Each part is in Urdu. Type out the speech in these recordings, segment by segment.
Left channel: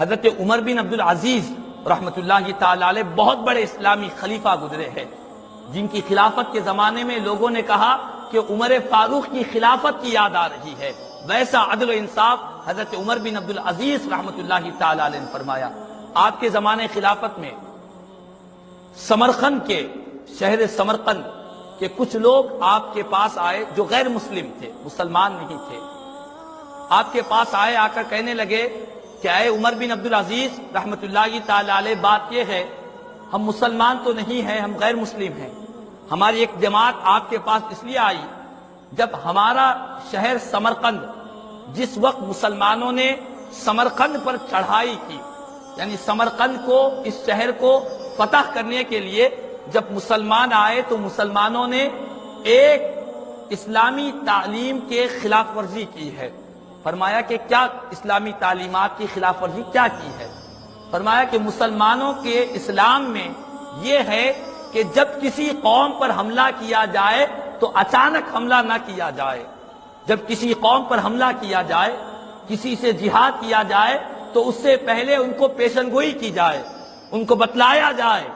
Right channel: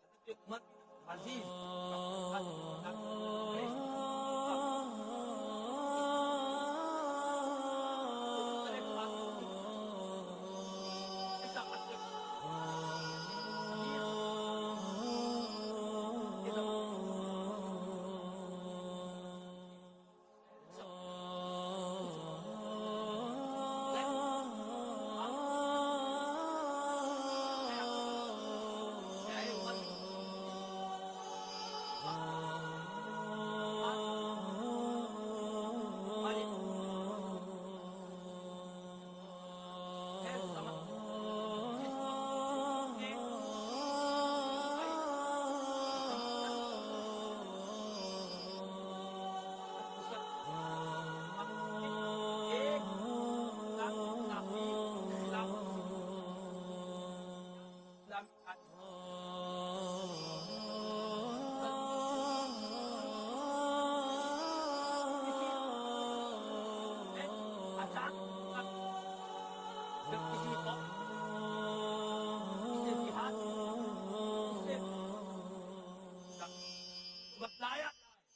حضرت عمر بن عبدالعزیز رحمۃ اللہ تعالی علیہ بہت بڑے اسلامی خلیفہ گزرے ہیں، جن کی خلافت کے زمانے میں لوگوں نے کہا کہ عمر فاروق کی خلافت کی یاد آ رہی ہے۔ ویسا عدل و انصاف حضرت عمر بن عبدالعزیز رحمۃ اللہ تعالی علیہ نے فرمایا۔ آپ کے زمانے خلافت میں سمرقند کے شہر سمرقند کے کچھ لوگ آپ کے پاس آئے جو غیر مسلم تھے، مسلمان نہیں تھے۔ آپ کے پاس آئے، آ کر کہنے لگے کہ اے عمر بن عبدالعزیز رحمۃ اللہ تعالی علیہ، بات یہ ہے ہم مسلمان تو نہیں ہیں، ہم غیر مسلم ہیں۔ ہماری ایک جماعت آپ کے پاس اس لیے آئی جب ہمارا شہر سمرقند، جس وقت مسلمانوں نے سمرقند پر چڑھائی کی، یعنی سمرقند کو، اس شہر کو فتح کرنے کے لیے جب مسلمان آئے تو مسلمانوں نے ایک اسلامی تعلیم کے خلاف ورزی کی ہے۔ فرمایا کہ کیا اسلامی تعلیمات کی خلاف ورزی کیا کی ہے؟ فرمایا کہ مسلمانوں کے اسلام میں یہ ہے کہ جب کسی قوم پر حملہ کیا جائے تو اچانک حملہ نہ کیا جائے۔ جب کسی قوم پر حملہ کیا جائے، کسی سے جہاد کیا جائے تو اس سے پہلے ان کو پیشن گوئی کی جائے، ان کو بتلایا جائے۔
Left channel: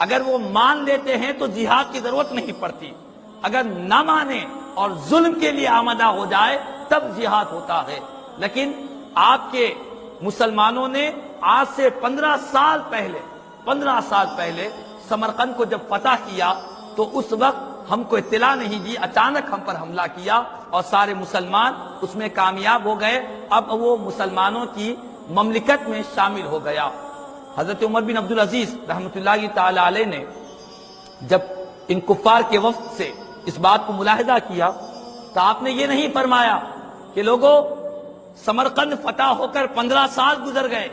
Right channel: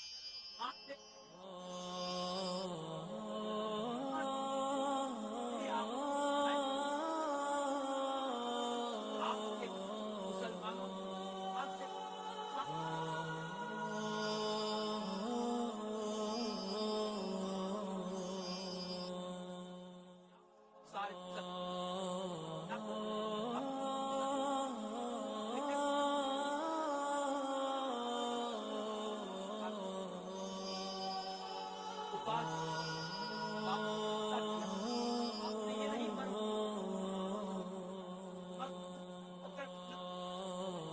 اگر وہ مان لیتے ہیں تو جہاد کی ضرورت نہیں پڑتی، اگر نہ مانے اور ظلم کے لیے آمادہ ہو جائے تب جہاد ہوتا ہے۔ لیکن آپ کے مسلمانوں نے آج سے 15 سال پہلے سمرقند کو جب فتح کیا تو اس وقت ہم کو اطلاع نہیں دی، اچانک ہم پر حملہ کیا اور سارے مسلمان اس میں کامیاب ہو گئے۔ اب وہ مسلمانوں کی مملکت میں شامل ہو گیا۔ حضرت عمر بن عبدالعزیز رحمۃ اللہ تعالی علیہ نے جب ان کفار کے وفد سے اس بات کو ملاحظہ کیا تو آپ نے یہ نہیں فرمایا کہ لوگوں سمرقند فتح ہو کر 15 سال گزر گئے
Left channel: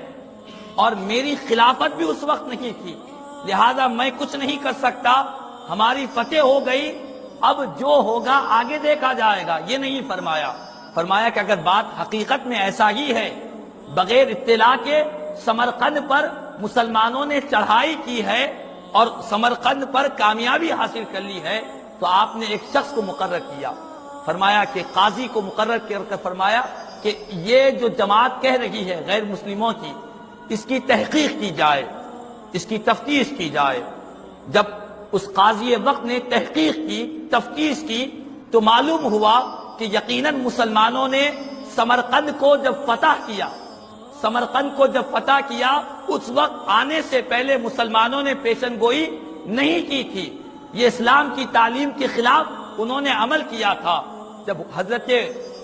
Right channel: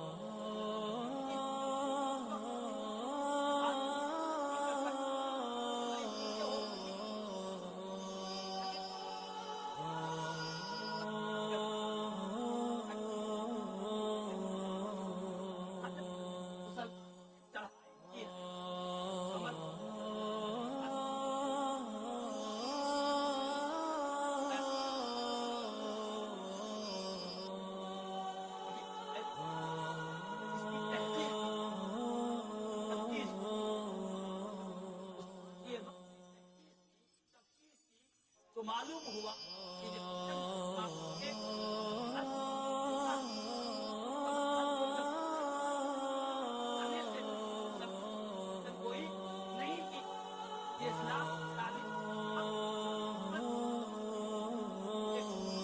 اور میری خلافت بھی اس وقت نہیں تھی، لہذا میں کچھ نہیں کر سکتا، ہماری فتح ہو گئی، اب جو ہوگا آگے دیکھا جائے گا۔ یہ نہیں فرمایا۔ فرمایا کہ اگر بات حقیقت میں ایسا ہی ہے، بغیر اطلاع کے سمرقند پر مسلمانوں نے چڑھائی کی ہے اور سمرقند پر کامیابی حاصل کر لی ہے، تو آپ نے ایک شخص کو مقرر کیا۔ فرمایا کہ قاضی کو مقرر کر فرمایا کہ یہ جو جماعت کہہ رہی ہے غیر مسلموں کی، اس کی تحقیق کی جائے، اس کی تفتیش کی جائے۔ جب اس قاضی وقت نے تحقیق کی، تفتیش کی، تو معلوم ہوا کہ یقیناً مسلمانوں نے سمرقند کو جب فتح کیا اس وقت آنے سے پہلے مسلمانوں نے پیشن گوئی نہیں کی تھی، یہ اسلام کی تعلیم کے خلاف انہوں نے عمل کیا تھا۔ جب حضرت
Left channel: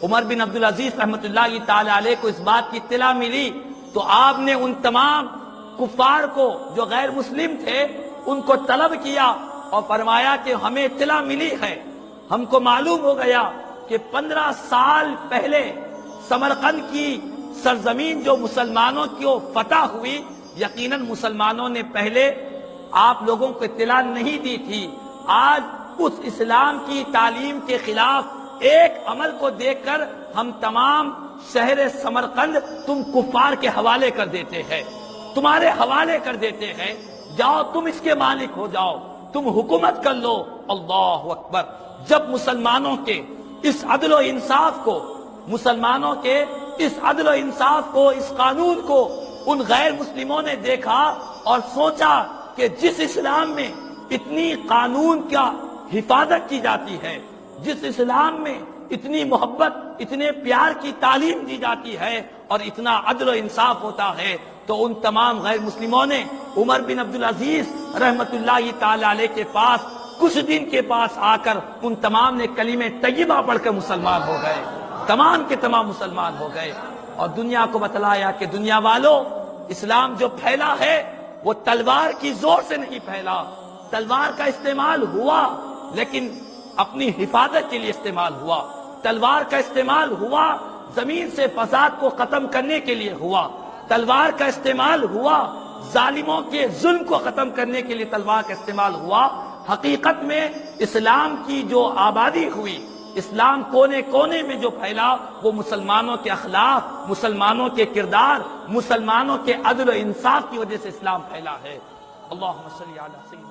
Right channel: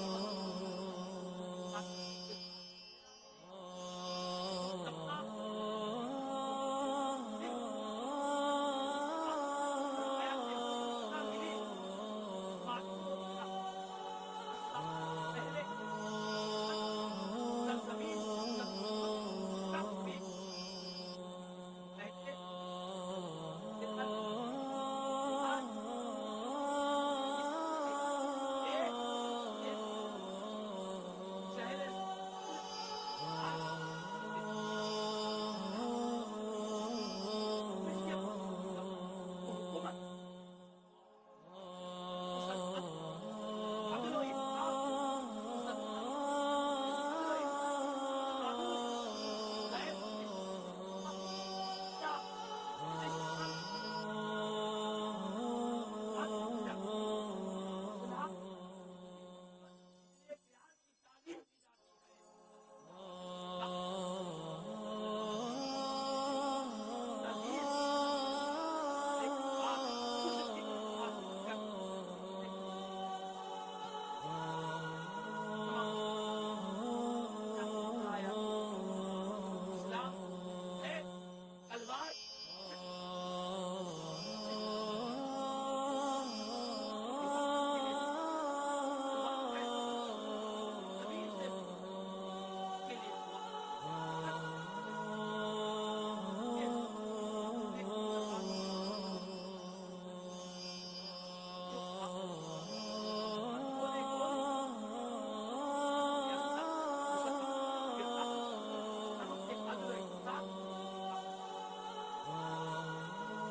عمر بن عبدالعزیز رحمۃ اللہ تعالی علیہ کو اس بات کی اطلاع ملی تو آپ نے ان تمام کفار کو جو غیر مسلم تھے ان کو طلب کیا اور فرمایا کہ ہمیں اطلاع ملی ہے، ہم کو معلوم ہو گیا کہ 15 سال پہلے سمرقند کی سرزمین جو مسلمانوں کی فتح ہوئی، یقیناً مسلمانوں نے پہلے آپ لوگوں کو اطلاع نہیں دی تھی۔ آج اس اسلام کی تعلیم کے خلاف ایک عمل کو دیکھ کر ہم تمام شہر سمرقند تم کفار کے حوالے کر دیتے ہیں، تمہارے حوالے کر دیتے ہیں، جاؤ تم اس کے مالک ہو جاؤ، تم حکومت کر لو۔ اللہ اکبر! جب مسلمانوں کے اس عدل و انصاف کو، اس قانون کو ان غیر مسلموں نے دیکھا اور سوچا کہ جس اسلام میں اتنی قانون کا حفاظت کی جاتی ہے، جس اسلام میں اتنی محبت، اتنے پیار کی تعلیم دی جاتی ہے اور اتنا عدل و انصاف ہوتا ہے، تو ان تمام غیر مسلموں نے عمر بن عبدالعزیز رحمۃ اللہ تعالی علیہ کے پاس کچھ دن کے پاس آ کر ان تمام نے کلمہ طیبہ پڑھ کر مسلمان ہو گئے، تمام کے تمام مسلمان ہو گئے اور دنیا کو بتلایا کہ دنیا والوں، اسلام جو پھیلا ہے وہ تلوار کی زور سے نہیں پھیلا، تلوار کا استعمال ہوا لیکن اپنی حفاظت کے لیے استعمال ہوا، تلوار کا استعمال ہوا زمین سے فساد کو ختم کرنے کے لیے ہوا، تلوار کا استعمال ہوا ظالموں کے ظلم کو ختم کرنے کے لیے تلوار کا استعمال ہوا۔ حقیقت میں اسلام کی جو آبادی ہوئی، اسلام کونے کونے میں جو پھیلا، وہ مسلمانوں کے اخلاق، مسلمانوں کے کردار، مسلمانوں کے عدل و انصاف کی وجہ سے اسلام پھیلا ہے۔ اللہم صلی علی سیدنا